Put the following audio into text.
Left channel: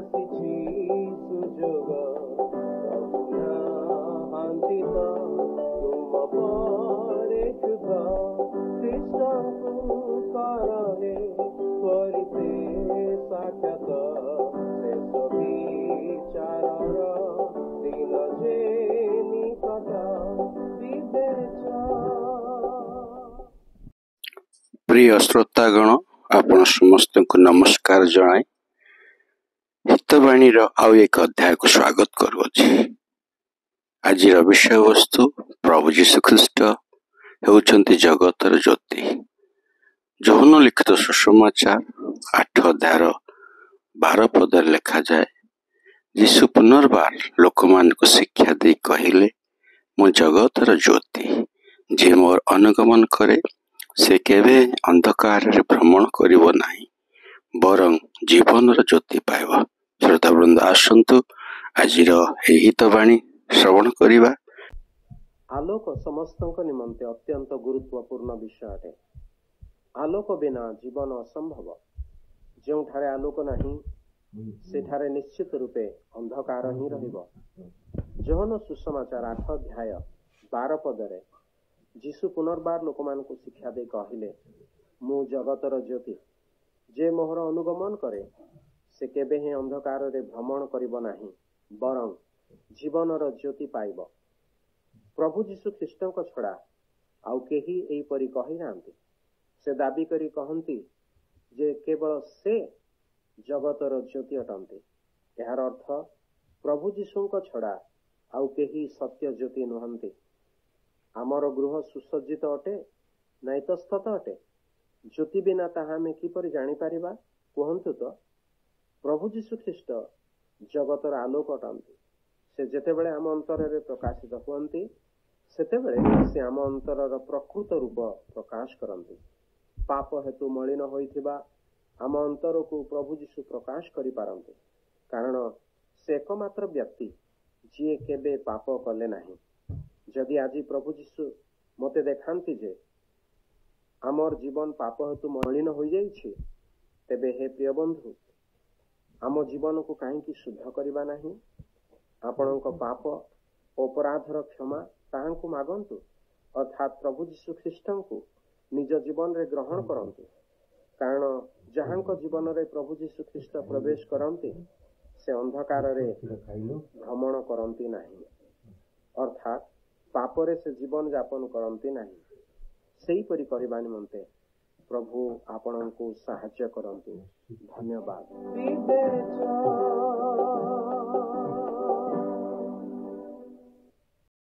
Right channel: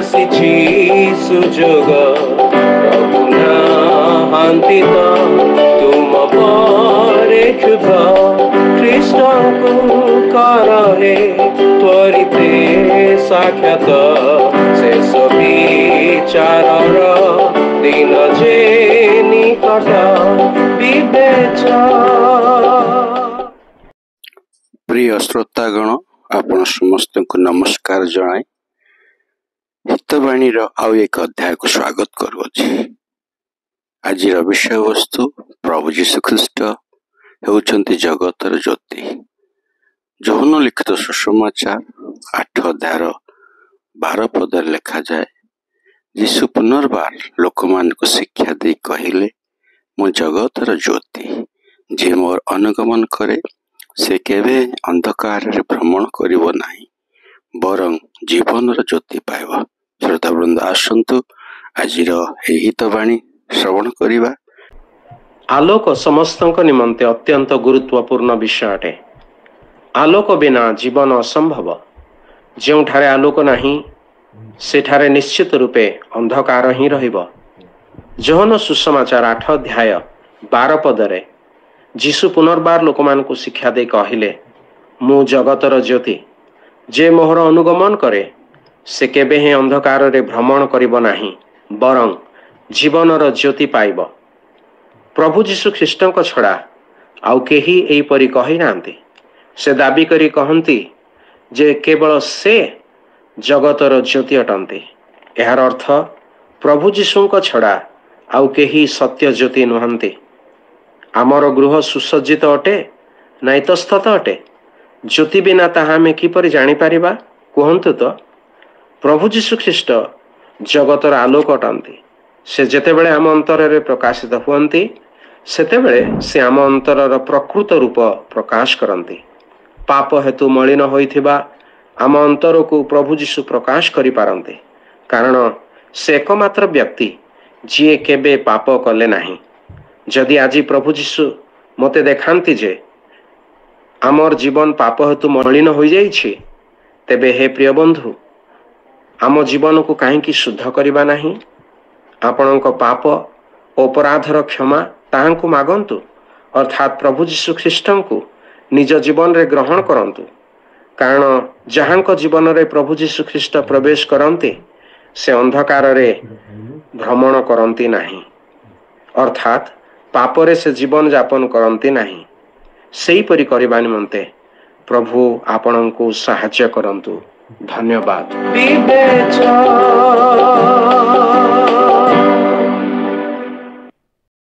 ଆସିଛି ସୁଯୋଗ ପ୍ରଭୁ ନାହାନ୍ତି ତ ତୁମ ପରେ କ୍ଷୁଧ ଖ୍ରୀଷ୍ଟଙ୍କୁ କର ହେ ତ୍ୱରିତେ ସାକ୍ଷାତ ଶେଷ ବିଚାରର ଦିନ ଯେ ନିକଟ ବିବେଚ। प्रिय श्रोतागण आपण समस्त को नमस्कार जनाए हितवाणी आउ एक अध्याय को स्वागत करुछि। आज विषय वस्तु प्रभु जीशु ख्रीस्ट हेउचंती जगतर ज्योति। जौन लिखित सुसमाचार 8 अध्याय 12 पद लिखा जाए, जीशु पुनर्बार लोक मान को शिक्षा दे कहिले, मु जगतर ज्योति, जे मोर अनुगमन करे से केवे अंधकार रे भ्रमण करिवो नाही, बरं जीवन ज्योति पाइब। श्रोतावृंद आसंतु आजिर हितवाणी श्रवण करिबा। आलोक समस्तक निमंते अत्यंत गुरुत्वपूर्ण विषय अटे। आलोक बिना जीवन असंभव। जोठारे आलोक नाही सेठारे निश्चित रूपे अंधकार ही रहिबो। जोहन सुसमाचार 8 अध्याय 12 पदरे जीशु पुनर्बार लोक मान को शिक्षा दे कहिले, मु जगतर ज्योति, जे मोहर अनुगमन करे से केबे ही अंधकार रे भ्रमण करिब नाही, बरं जीवनर ज्योति पाइब। प्रभु जीशु ख्रीष्टଙ୍କ छड़ा आउ केही एई परि कहि नांती। से दाबी करी कहंती जे केवल से जगतर ज्योति अटंती। एहार अर्थ प्रभु जीशुଙ୍କ छड़ा आउ केही सत्य ज्योति नुहंती। आमर गृह सुसज्जित अटे ना इतस्तत अटे? ज्योति बिना ताहा आमे किपरि जानि पारिबा? कहंतु तो। प्रभु जीशु ख्रीष्ट जगतर आलोक अटंती। से जेतेबेले आम अंतर रे प्रकाशित हुअंती सेतेबेले से आम अंतरर प्रकृत रूप प्रकाश करंती। पाप हेतु मलिन होइथिबा आम अंतर को प्रभु जीशु प्रकाश करि पारंती, कारण से एकमात्र व्यक्ति जिए केबे पाप कले नाही। जदि आज प्रभु जीशु मते देखांती जे आमर जीवन पाप हेतु मलिन हो जाइछि, तेबे हे प्रिय बंधु, आम जीवन को काहेकि शुद्ध करिबा नाही? आपणक पाप अपराधर क्षमा ताहांकु मागंतु, अर्थात प्रभु जीशु ख्रीष्टंकु निज जीवन रे ग्रहण करंतु। कारण जहांक जीवन रे प्रभु जीशु ख्रीष्ट प्रवेश करंती से अंधकार रे भ्रमण करंती नाही, अर्थात पापरे से जीवन यापन करंती नाही। सेही परि करिबा निमंते प्रभु आपणंकु सहाय्य करंतु। धन्यवाद।